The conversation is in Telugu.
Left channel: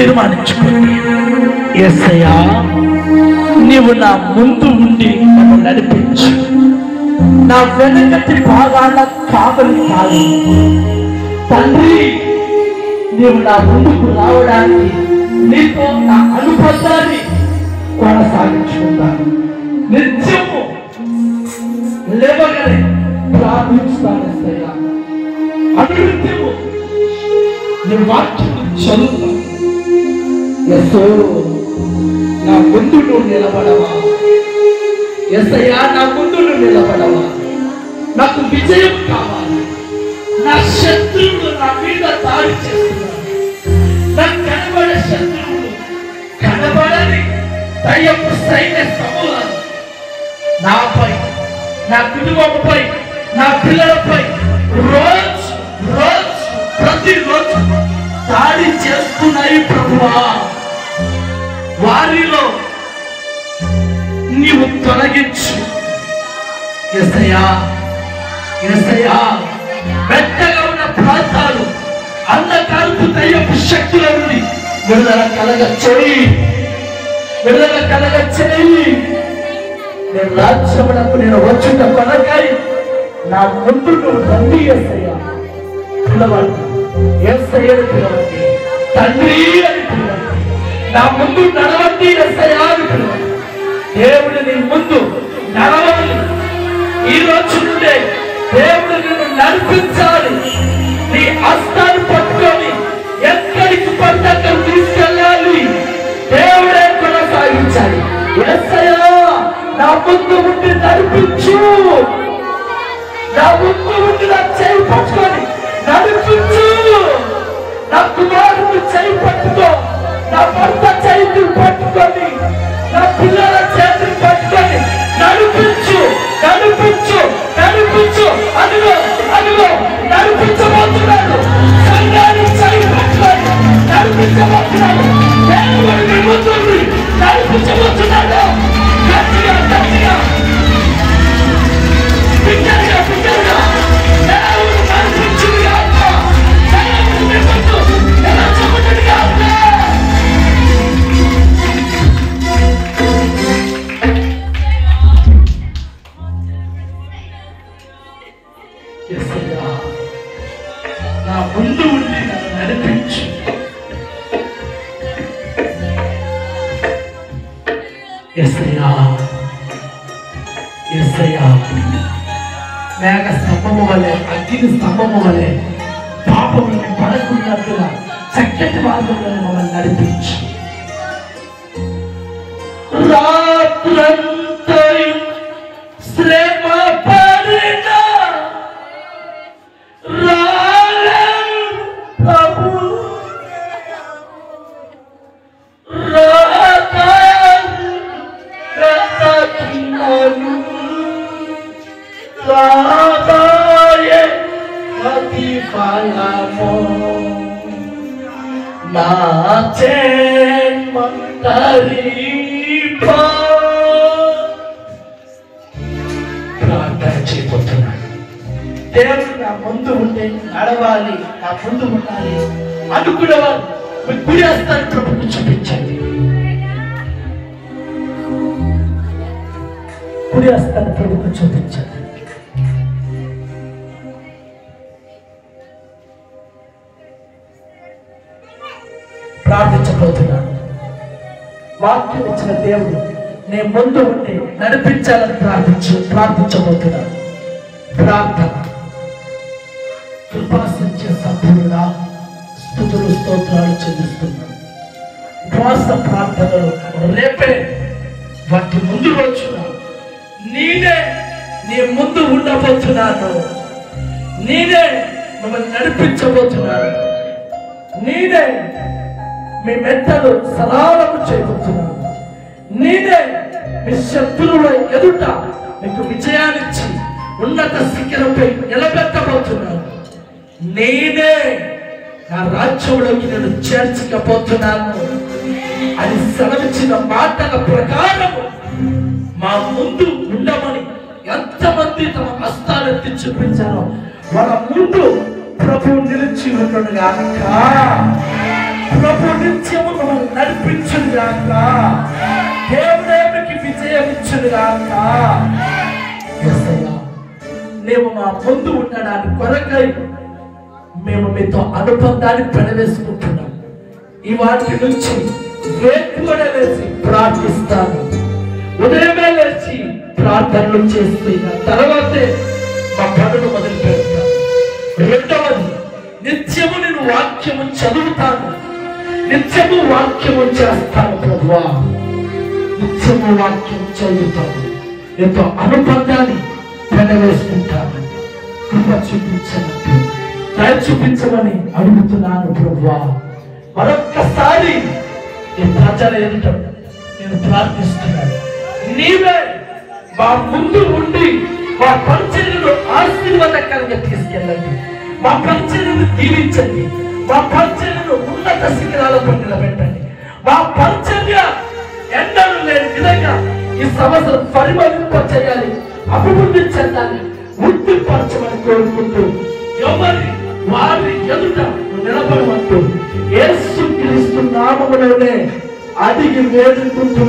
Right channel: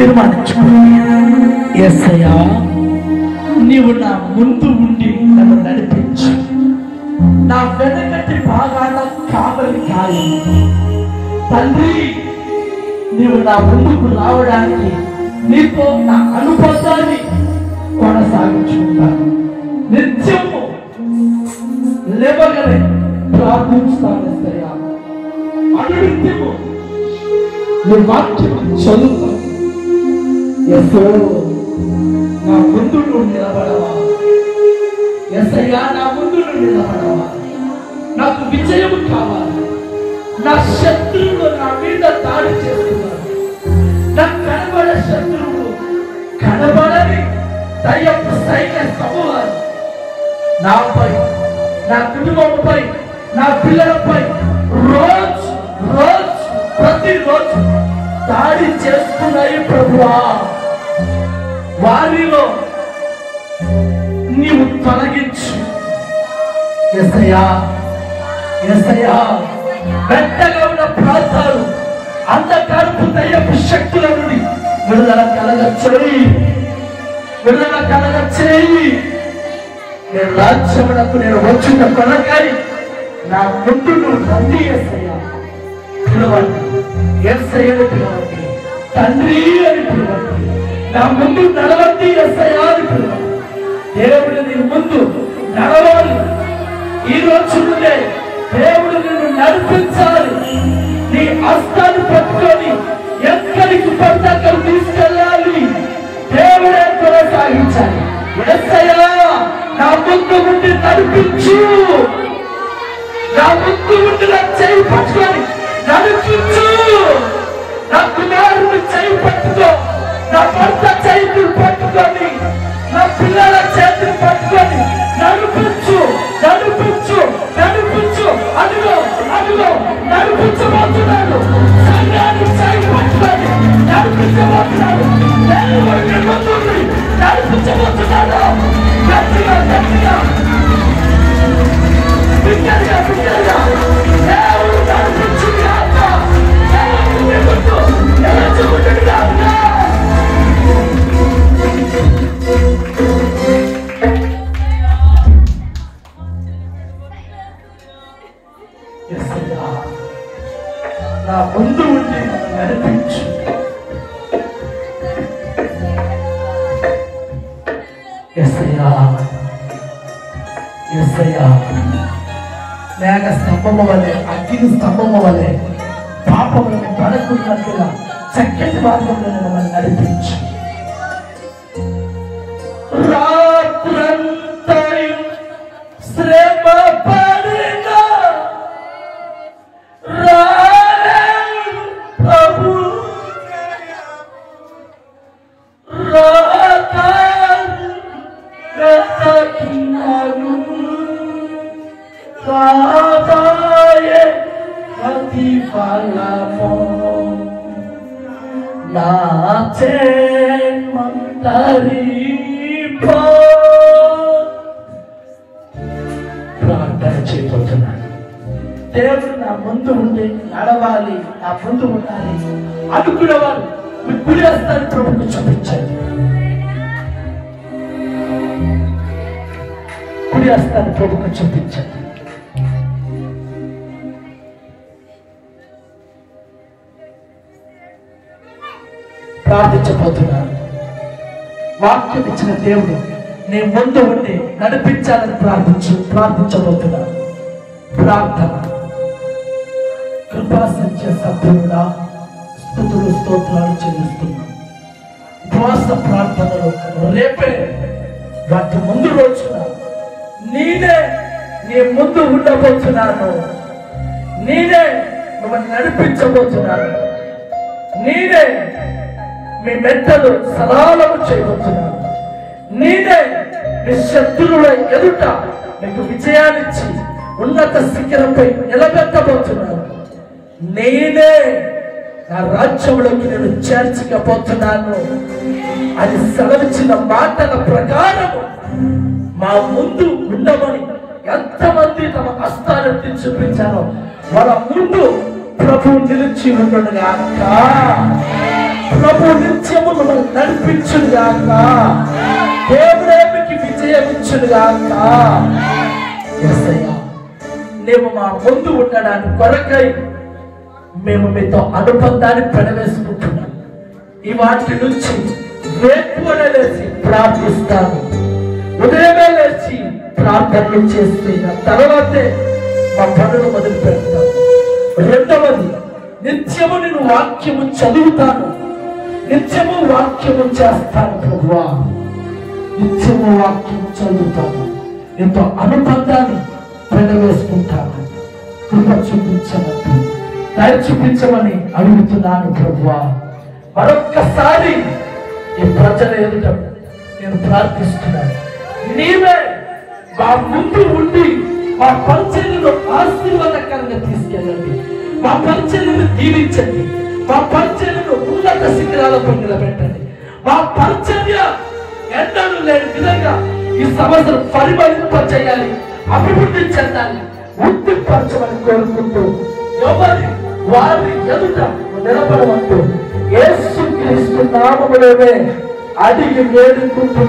తీర్మానించుకోండి. యేసయ్యా, నీవు నా ముందు ఉండి నన్ను నడిపించు. నా వెనకటి భాగాల కావలి కాదు తండ్రి. నీవు నా ముందుకు రావడానికి నీతో నా అనుబంధాన్ని కొనసాగించుకుంటాను. నిత్యము లేవగానే ప్రార్థిస్తాను. యేసయ్యా, అనునిత్యము నువ్వు వాక్యం చదువుతాను. యేసో, నా ముందు నువ్వు నిలబడవా? యేసయ్యా, నా ముందు నువ్వు నిలబడవా? నాకు విజయం కావాలి. నా శత్రువులు నా మీద దాడి చేస్తున్నారు. నాకు కనబడే శత్రువులు, కనబడని దయ్యపు సైన్య సమూహాలు నాపై, నా కుటుంబంపై, నా పిల్లలపై రోజు ప్రతిరోజు దాడి చేస్తున్నాయి ప్రభువా. వారిలో నీవు తొలగించు. యేసయ్యా, యేసయ్యా, మెత్తగా ఉన్న ప్రాంతాలు, అంధకారపు దయ్యపు శక్తుల నుండి విడుదల కలగ చేయి, విడుదల కలగ చేయి. నేను రాజ్యమునకు నేను వచ్చిన కొనకై నా ముందు నువ్వు రండి. యేసయ్యా, పిలవండి. యేసయ్యను పిలవండి. తండ్రి అని పిలవండి. నా ముందు నడవండి. యేసయ్యా అని పిలవండి. దేవుడు నీ ముందు నడవాలి. ఈ రోజు నుండే దేవుడు నిన్ను నడిపించాలి. నీ హస్తాన్ని పట్టుకొని ఎక్కడికి పడితే అక్కడ తీసుకెళ్ళాలి. దేవుడే కొనసాగించాలి. యేసయ్యా, నా ముందు ఉండి నడిపించు. నా ముందు ఉండి నా చేయి పట్టుకొని నడిపించు. నా కుమారుని చేయి పట్టుకో, నా భర్త చేతులు పట్టుకొని, నా పిల్లల చేతులు పట్టుకొని నడిపించు, నడిపించు, నడిపించు. అదిగో అదిగో నడిపించబోతున్నాడు. సంఘాన్ని చేయి పట్టుకొని నడిపించబోతున్నాడు. దేవుడు మీ ముందు నడిపించబోతున్నాడు. గట్టిగా గట్టిగా బిడ్డగా బిడ్డగా దేవుడు నడిపించును గాక. దేవుడు మీ ముందు నడిపించును గాక. యేసయ్యా, నా ముందు ఉండి నన్ను నడిపించు. యేసయ్యా, యేసయ్యా, మేఘ స్తంభము వలె, అగ్ని స్తంభము వలె పాపములను పడకున్నట్టుగా చక్కటి మార్గంలో మమ్మల్ని నడిపించు. రాత్రంతయు శ్రమ పడిన రాలేడు ప్రభు, రాకాలి వెతకినను రాదాయే ప్రతిఫలము. నా జన్మంతరిపో ప్రార్థన చేయబోతున్నాను. దేవుడు నా ముందు ఉండి నడవాలి, నా ముందు ఉండాలి అనుకునేవారు మీ గుడి వస్తాను ప్రభుత్వం చూపించండి. గుడి వస్తాను ప్రభుత్వం చూపించండి. ప్రార్థించబోతున్నాను. వాక్యం ఇచ్చిన దేవుడు నేను ముందు ఉండి నడిపించాలని ప్రార్థించబోతున్నాను. ప్రార్థన. కృపాసత్య సభ్యుడా, స్తుతులు స్తోత్రాలు చెల్లిస్తున్నాను. ఉపవాస ప్రార్థనలు రేపే వాటి ముందు రోజున నేనే నీ ముందు ఉండబోతున్నాను. నేనే మిమ్మల్ని నడిపించబోతున్నాను. నేనే మీ మెట్టలు సరళము చేయబోతున్నాను. నేనే మీ శత్రువుల ఎదుట మీకు విజయాన్నిచ్చి ఉన్నత శిఖరంపై నిలబెట్టబోతున్నాను. నేనే నా రాజ్యంలోకి నేను చేర్చకపోతున్నాను అని సెలవిచ్చిన మాటల ప్రకారము మా ముందు ఉండమని ఎంతమంది తమ హస్తాలెత్తి చూపించారో వాళ్ళ ముందు ప్రభు నిలిచి ఉండడుగాక. ప్రభు నిత్యము నడిపించుగాక. దేవుడే మీకు విజయం ఇచ్చుగాక. యేసయ్యా, మేము మా ముందు ఉండడానికి కొరకై మేము మీతో అనుబంధాన్ని పెనవేసుకుంటున్నాం. ఈ వాటి నుంచి వేకువనే లేచి ప్రార్థిస్తాను. ఉదయమే లేచి ప్రార్థనలు చేస్తున్న తర్వాతే మా పనులు మొదలు పెడతాను. రెండవది, నిత్యము నేను వాక్యము చదువుతాను, నిత్యము వాక్యము చేస్తాను. ప్రభువా, నిత్యము వాక్యం చదువుతాను, ఎంతో అనుబంధాన్ని పెనవేసుకుంటాను. కృప చూపించమంటూ దయ చూపించమని అడుగుతున్నాను. ప్రభువా, మరొక్కసారి నీ ప్రజల ఎదుట నేను ప్రార్థిస్తున్నాను. నీవే మా ముందు ఉండి మా పరిచర్యను ఆశీర్వాదకరంగా తీసుకెళ్ళండి. మా పరిచర్యను దీవించండి. మా పరిచర్యను ఉన్నత శిఖరాలపై నిలబెట్టండి. మా పరిచర్య ఎన్నడూ లేని విధంగా ఈ సంవత్సరం పరిమళింపచేయాలి, అభివృద్ధి చెందాలి, వృద్ధిపరచమని కోరుకుంటూ ఎవరి వారి ఎదుట నిలబడమంటూ యేసు క్రీస్తు నామములోనే అడిగి వేడుకుంటూ